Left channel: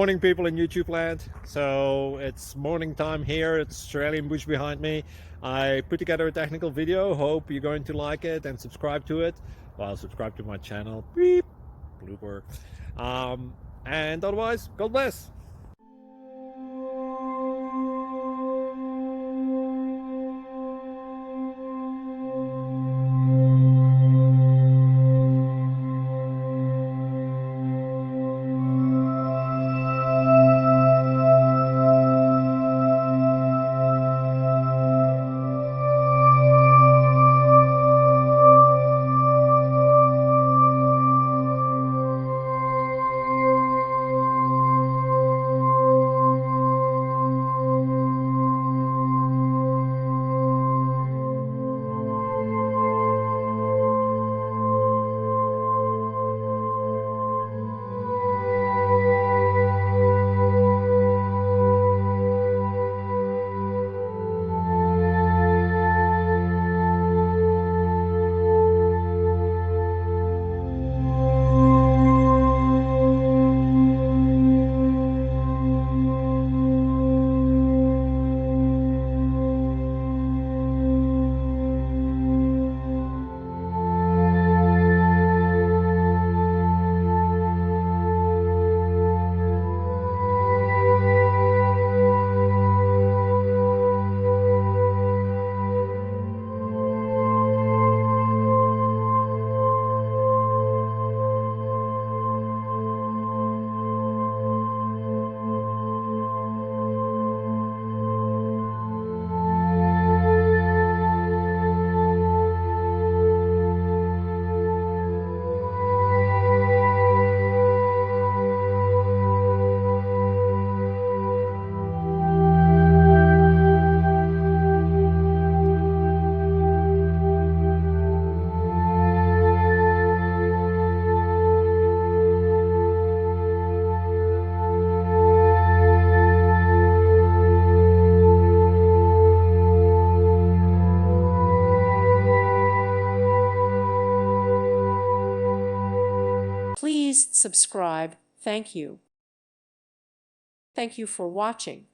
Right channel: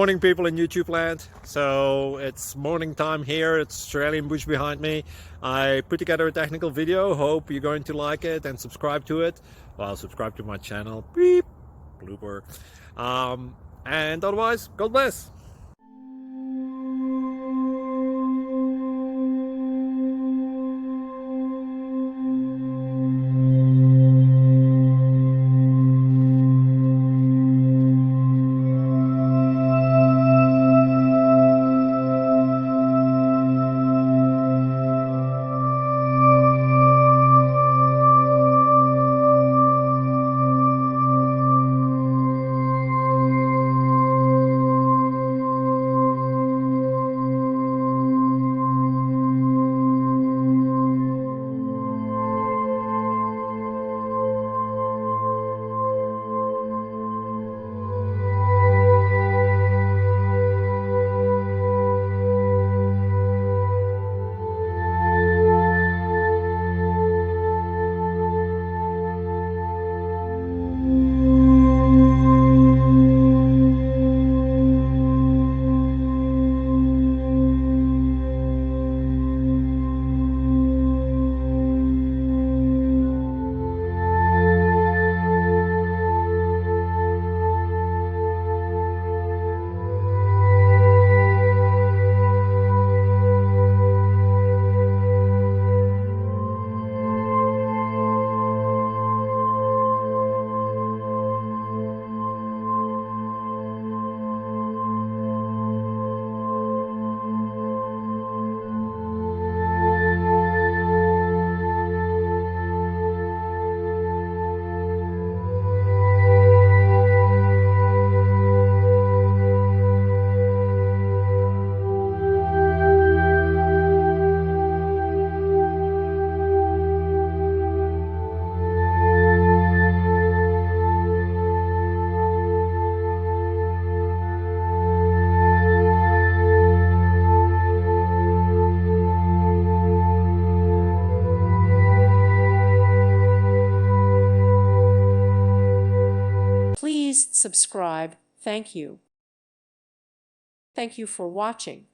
Morning, people in YouTube land. So it's morning time here. It's Australian bush behind me. I put together a technical video. Hope you're going to like it and subscribe to it. Well, subscribe to my channel. Beep, blooper. And otherwise, God bless. Please subscribe. Thank you. Thank you for watching.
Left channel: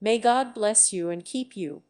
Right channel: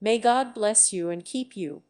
May God bless you and keep you.